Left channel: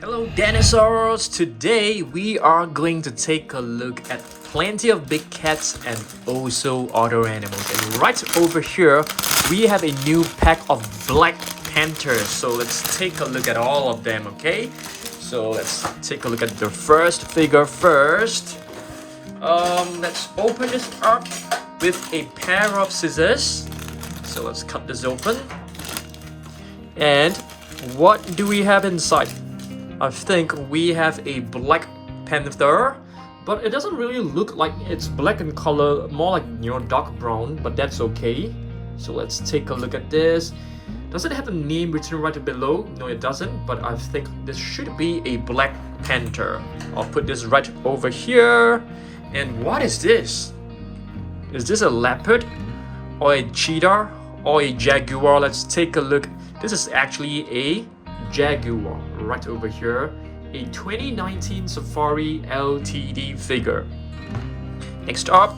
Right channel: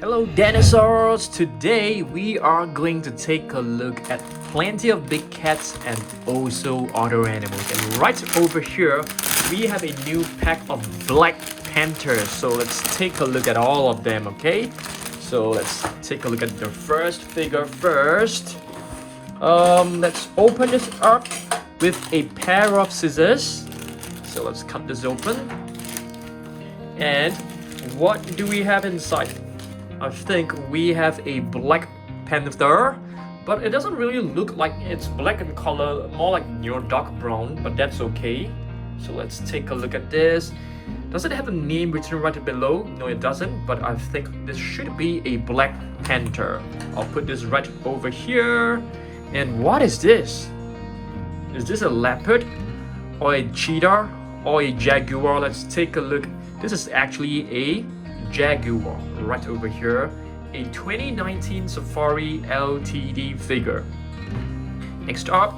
Hello dinosaurs! Today we are going to take a look at plenty of big cats and also other animals. And right over here we have a new pack of black panthers. So let's take a look at all of them, okay? So let's take a look at the first figure first. Let's open this up with a pair of scissors. So let's cut this open. And what do we have inside? I think we have a black panther, but it doesn't really look like it's black in color, more like dark brown, but that's okay. So let's take a look at this. Does it have a name written right below? No, it doesn't, but I think this should be a black panther. I'll put this right over here. And what is this? Is this a leopard or a cheetah or a jaguar? Let's take a look. This is actually a jaguar right over here, a 2019 Safari LTD figure. Next up,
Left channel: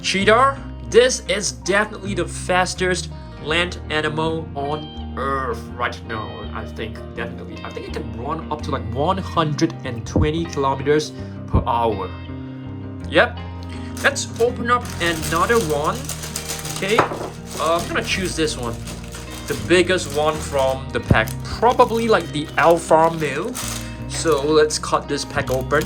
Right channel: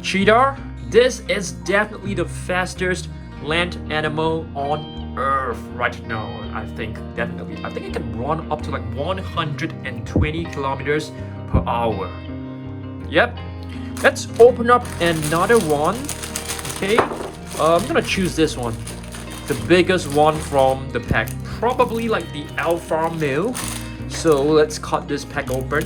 cheetah. This is definitely the fastest land animal on earth right now. I think it can run up to like 120 kilometers per hour. Yep. Let's open up another one. Okay, I'm gonna choose this one, the biggest one from the pack, probably like the alpha male. So let's cut this pack open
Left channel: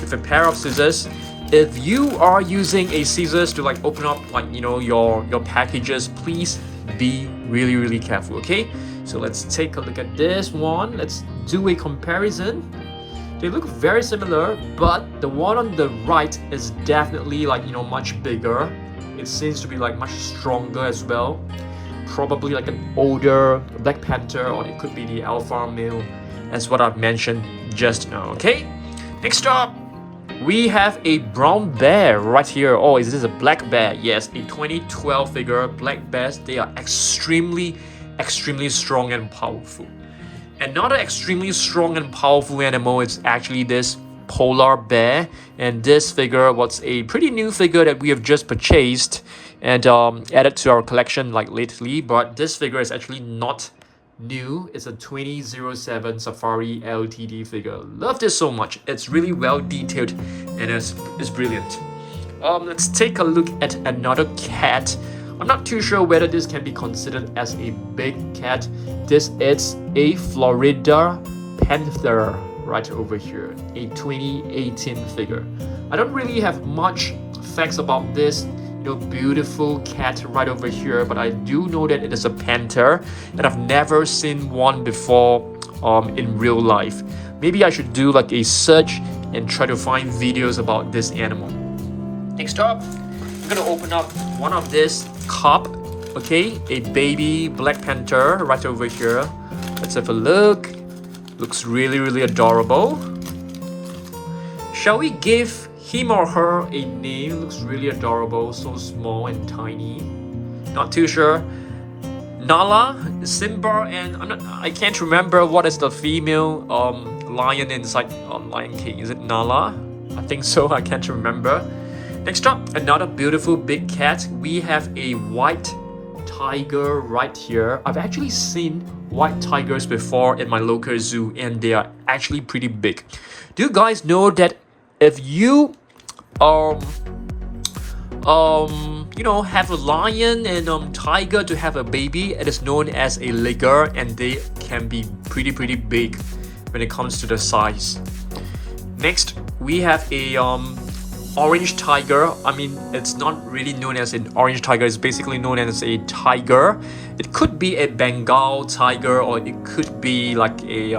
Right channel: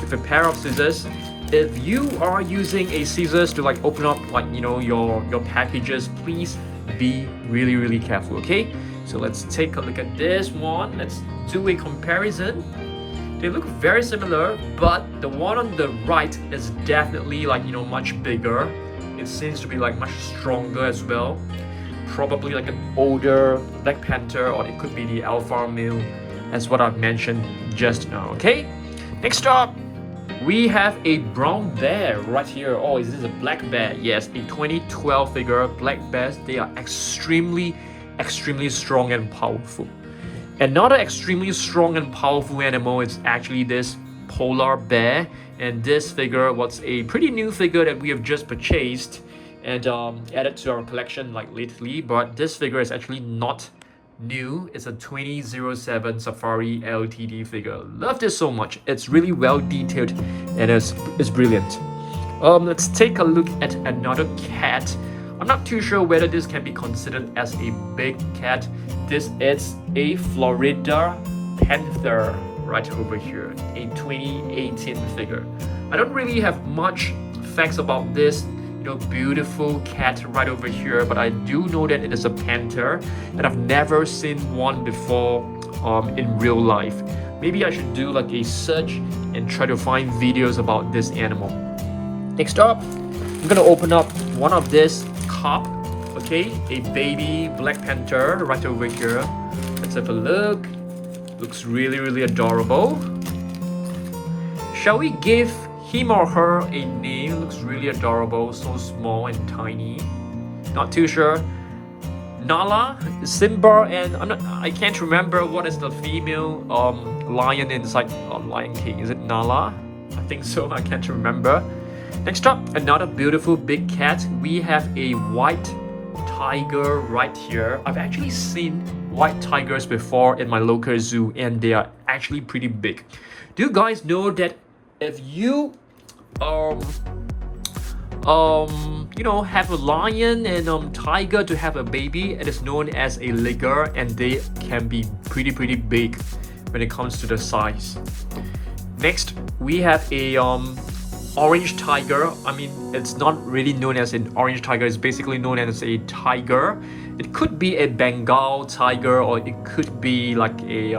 with a pair of scissors. If you are using a scissors to like open up like your packages, please be really careful, okay? So let's take a look at this one. Let's do a comparison. They look very similar, but the one on the right is definitely like much bigger. It seems to be like much stronger as well. Probably like an older black panther, or it could be the alpha male, as what I've mentioned just now, okay? Next up, we have a brown bear right here. Oh, is this a black bear? Yes, a 2012 figure. Black bears, they are extremely strong and powerful. Another extremely strong and powerful animal is actually this polar bear, and this figure was a pretty new figure that we have just purchased and added to our collection like lately. But this figure is actually not new. It's a 2007 Safari LTD figure. Love this so much. It's really well detailed and it's brilliant. Let's take a look at another cat. I'm not too sure whether this can be considered as a big cat. This is a Florida panther right over here, a 2018 figure. I don't really have much facts about this beautiful cat right over here, but I do know that it is a panther, and I've never seen one before in real life. Maybe I should do like a search and try to find videos about this animal. Next up, I'm gonna open up one of this cub, okay, a baby black panther right over here. Let's have a look. Looks really adorable. Shall we give him or her a name? Looks really adorable, so small and tiny. Not too sure. Nala, Simba, and I can't remember what is the female lion inside Lion King. Is it Nala? I think so. I can't remember. Next up, another beautiful big cat. We have a white tiger right here. I've actually seen white tigers before in my local zoo, and they are actually pretty big. Do you guys know that if you have a lion and tiger to have a baby, it is known as a liger, and they can be pretty big when it comes to the size. Next, we have a orange tiger. I mean, it's not really known as an orange tiger. It's basically known as a tiger. It could be a Bengal tiger, or it could be like a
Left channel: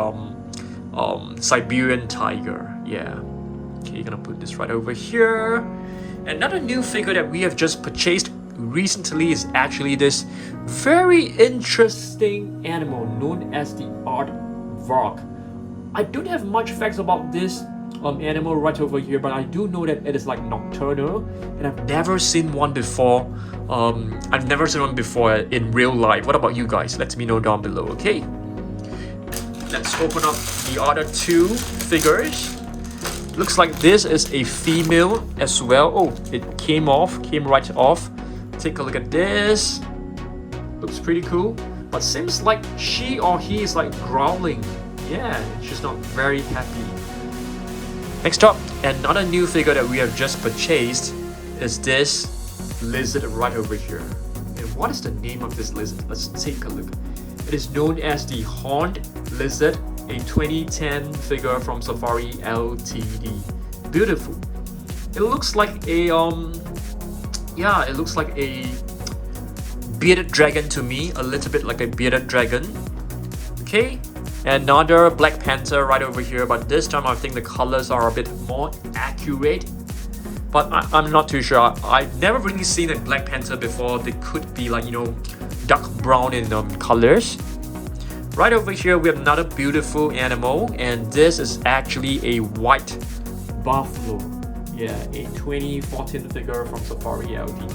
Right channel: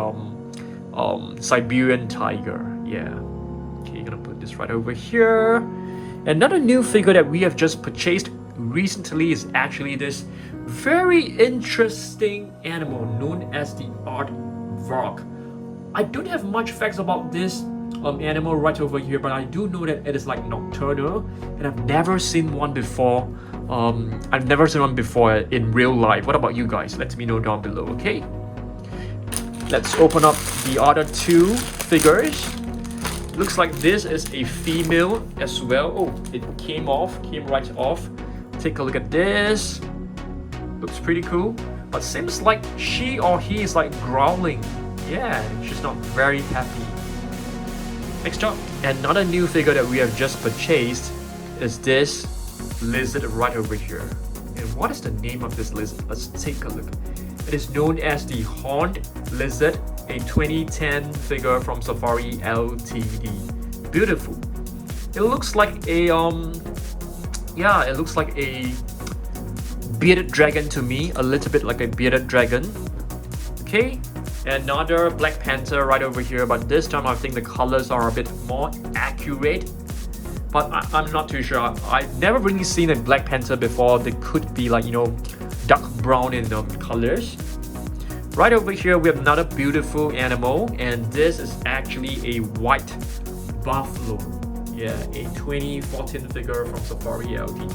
Siberian tiger. Yeah. Okay, gonna put this right over here. Another new figure that we have just purchased recently is actually this very interesting animal known as the aardvark. I don't have much facts about this animal right over here, but I do know that it is like nocturnal, and I've never seen one before. In real life. What about you guys? Let me know down below, okay? Let's open up the other two figures. Looks like this is a female as well. Oh, it came right off. Take a look at this. Looks pretty cool, but seems like she or he is like growling. Yeah, she's not very happy. Next up, another new figure that we have just purchased is this lizard right over here. And what is the name of this lizard? Let's take a look. It is known as the horned lizard, a 2010 figure from Safari Ltd. Beautiful. It looks like a it looks like a bearded dragon to me, a little bit like a bearded dragon. Okay, another Black Panther right over here, but this time I think the colors are a bit more accurate. But I'm not too sure. I've never really seen a Black Panther before. They could be like, you know, dark brown in colors. Right over here we have another beautiful animal, and this is actually a white buffalo. Yeah, a 2014 figure from Safari Ltd.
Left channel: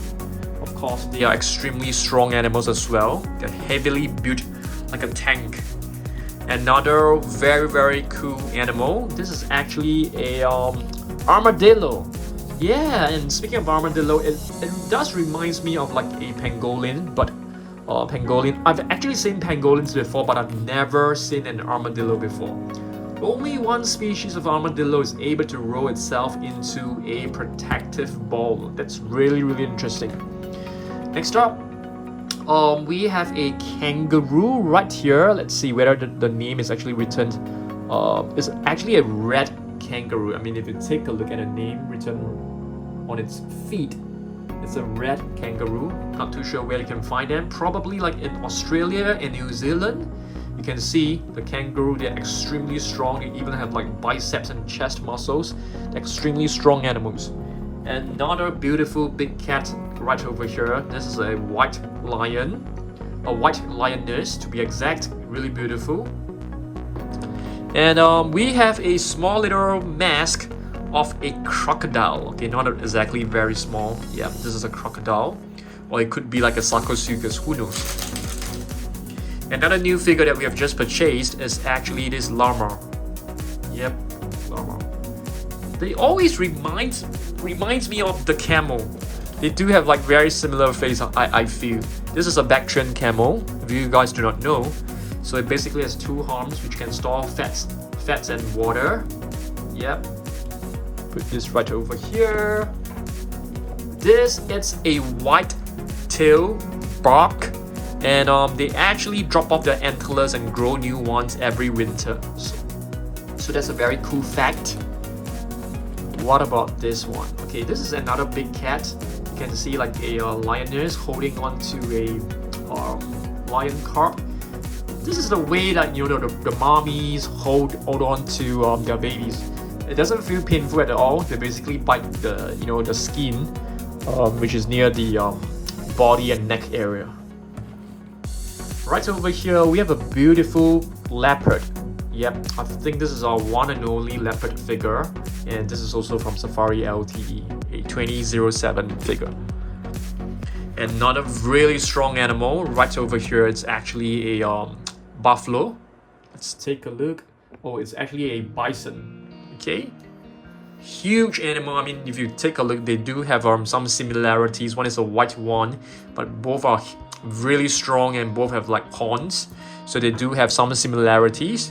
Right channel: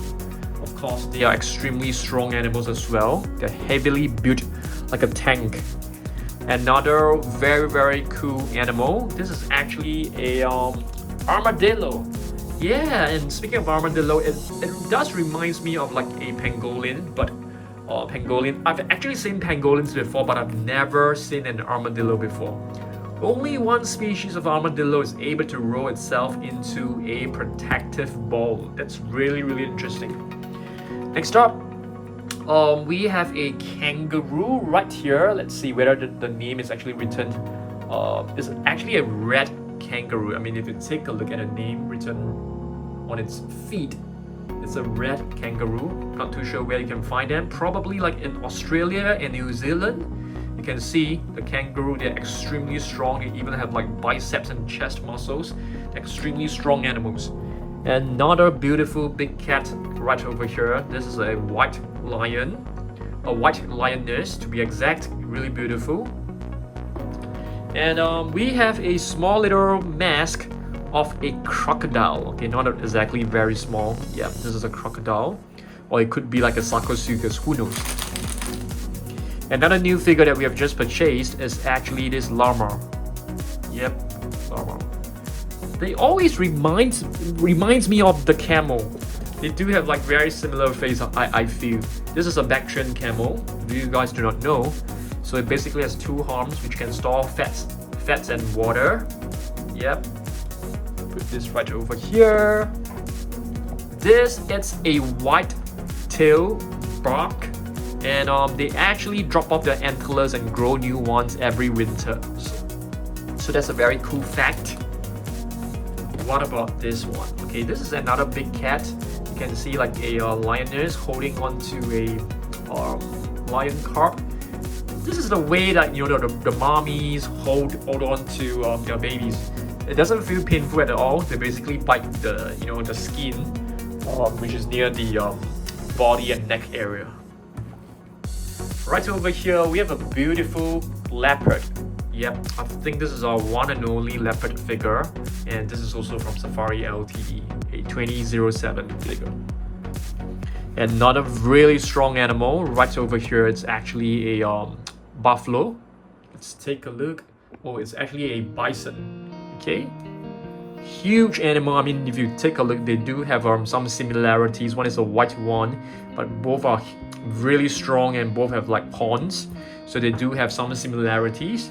Of course, they are extremely strong animals as well. They're heavily built like a tank. Another very cool animal. This is actually a armadillo. Yeah, and speaking of armadillo, it does reminds me of like a pangolin, but pangolin. I've actually seen pangolins before, but I've never seen an armadillo before. Only one species of armadillo is able to roll itself into a protective ball. That's really interesting. Next up, we have a kangaroo right here. Let's see whether the name is actually written. It's actually a red kangaroo. I mean, if you take a look at the name written on its feet, it's a red kangaroo. Not too sure where you can find them. Probably like in Australia and New Zealand. You can see the kangaroo, they're extremely strong. They even have like biceps and chest muscles. They're extremely strong animals. Another beautiful big cat right over here. This is a white lion, a white lioness to be exact. Really beautiful. And we have a small little mask of a crocodile. Okay, not exactly very small. Yeah, this is a crocodile, or it could be like a Sarcosuchus, who knows. Another new figure that we have just purchased is actually this llama. Yep, llama. They always reminds me of the camel. They do have like very similar face, I feel. This is a Bactrian camel, if you guys do not know. So it basically has two arms which can store fats and water. Yep. Put this right over here. This is a white tail bark, and they actually drop off their antlers and grow new ones every winter. So that's a very cool fact. What about this one? Okay, this is another big cat. You can see like a lioness holding on to a lion cub. This is the way that, you know, the mommies hold on to their babies. It doesn't feel painful at all. They basically bite the, you know, the skin, which is near the body and neck area. Right over here, we have a beautiful leopard. Yep, I think this is our one and only leopard figure, and this is also from Safari Ltd, a 2007 figure. Another really strong animal right over here. It's actually a buffalo. Let's take a look. Oh, it's actually a bison. Okay, huge animal. I mean, if you take a look, they do have some similarities. One is a white one, but both are really strong and both have like horns, so they do have some similarities.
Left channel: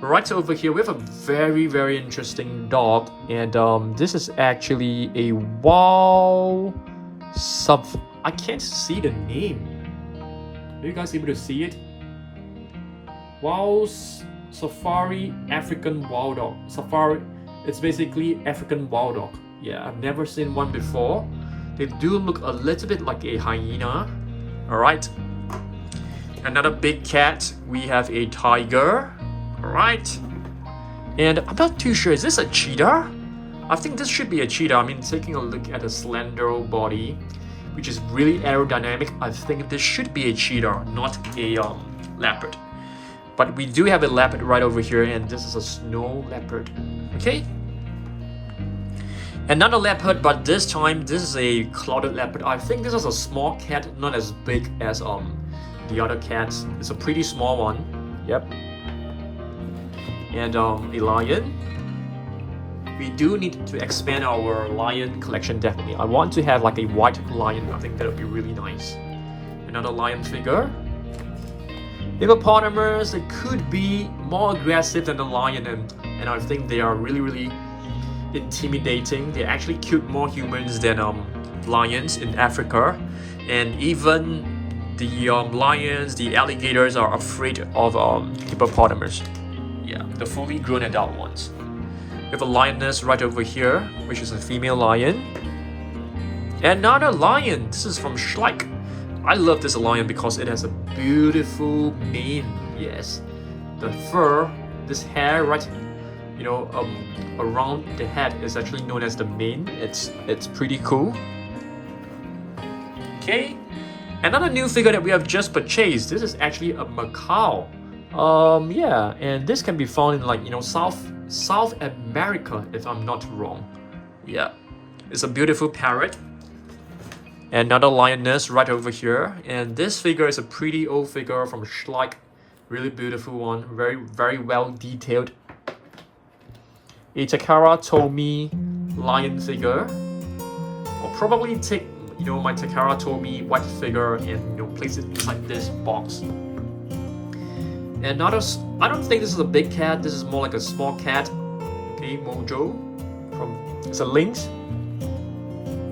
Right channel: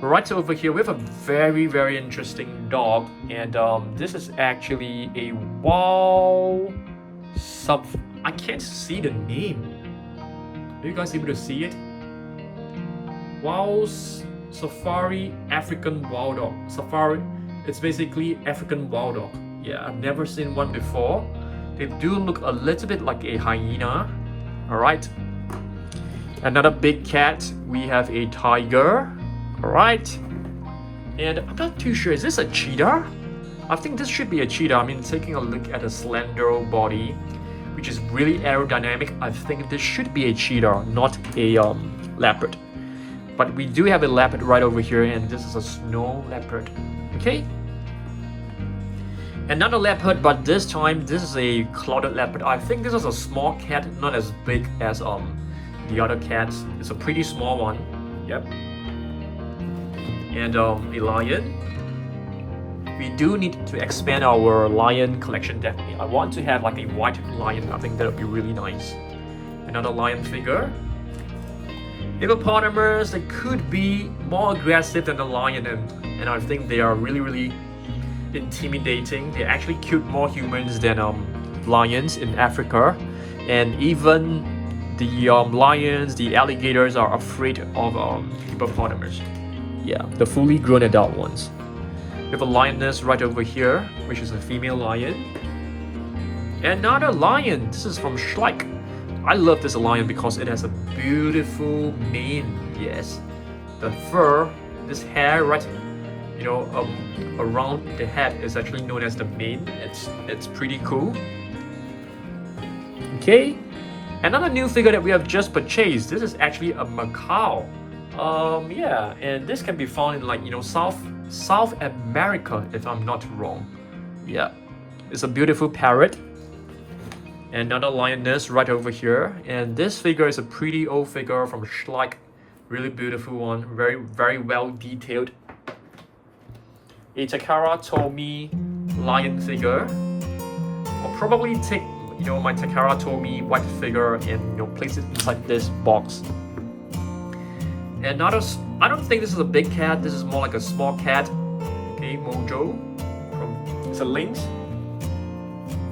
Right over here we have a very interesting dog, and this is actually a I can't see the name. Are you guys able to see it? Safari African Wild Dog. Safari, it's basically African Wild Dog. Yeah, I've never seen one before. They do look a little bit like a hyena. Alright. Another big cat. We have a tiger. Alright. And I'm not too sure. Is this a cheetah? I think this should be a cheetah. I mean, taking a look at the slender body, which is really aerodynamic, I think this should be a cheetah, not a leopard. But we do have a leopard right over here, and this is a snow leopard. Okay. Another leopard, but this time this is a clouded leopard. I think this is a small cat, not as big as the other cats. It's a pretty small one. Yep. And a lion. We do need to expand our lion collection definitely. I want to have like a white lion. I think that would be really nice. Another lion figure. Hippopotamus, they could be more aggressive than the lion, and I think they are really intimidating. They actually killed more humans than lions in Africa, and even the lions, the alligators are afraid of hippopotamus. Yeah, the fully grown adult ones. We have a lioness right over here, which is a female lion. Another lion. This is from Schleich. I love this lion because it has a beautiful mane. Yes, the fur, this hair right, around the head is actually known as the mane. It's pretty cool. Okay, another new figure that we have just purchased. This is actually a macaw. Yeah, and this can be found in, like, South America, if I'm not wrong. Yeah, it's a beautiful parrot. Another lioness right over here, and this figure is a pretty old figure from Schleich. Really beautiful one, very well detailed. A Takara Tomy lion figure. I'll probably take my Takara Tomy white figure and place it inside this box. Another, I don't think this is a big cat. This is more like a small cat. Okay, Mojo. It's a lynx.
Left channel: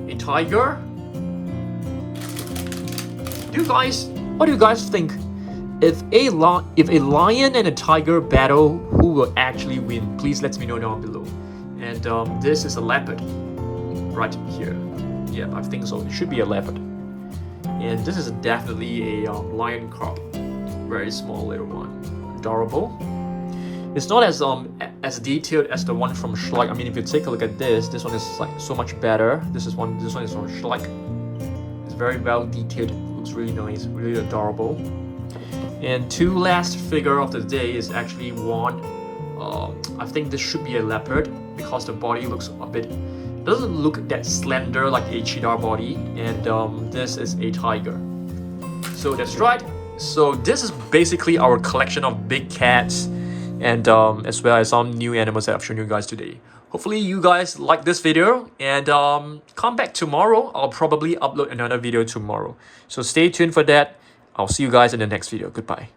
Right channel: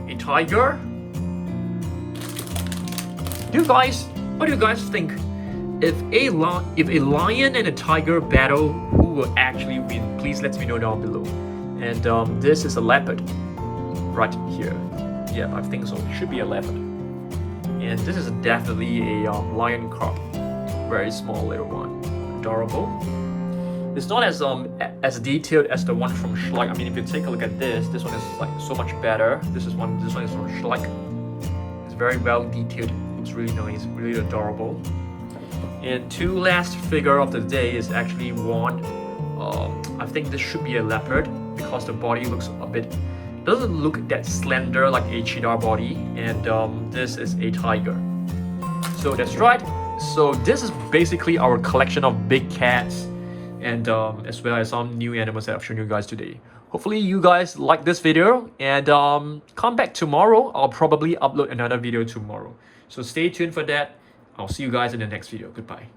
A tiger. What do you guys think? If a lion and a tiger battle, who will actually win? Please let me know down below. And this is a leopard right here. Yeah, I think so. It should be a leopard. And this is definitely a lion cub. Very small little one. Adorable. It's not as detailed as the one from Schleich. I mean, if you take a look at this one is like so much better. This one is from Schleich. It's very well detailed. It's really nice, really adorable. And two last figure of the day is actually one. I think this should be a leopard because the body looks doesn't look that slender like a cheetah body. And this is a tiger. So that's right. So this is basically our collection of big cats, and as well as some new animals that I've shown you guys today. Hopefully you guys like this video, and come back tomorrow. I'll probably upload another video tomorrow. So stay tuned for that. I'll see you guys in the next video. Goodbye.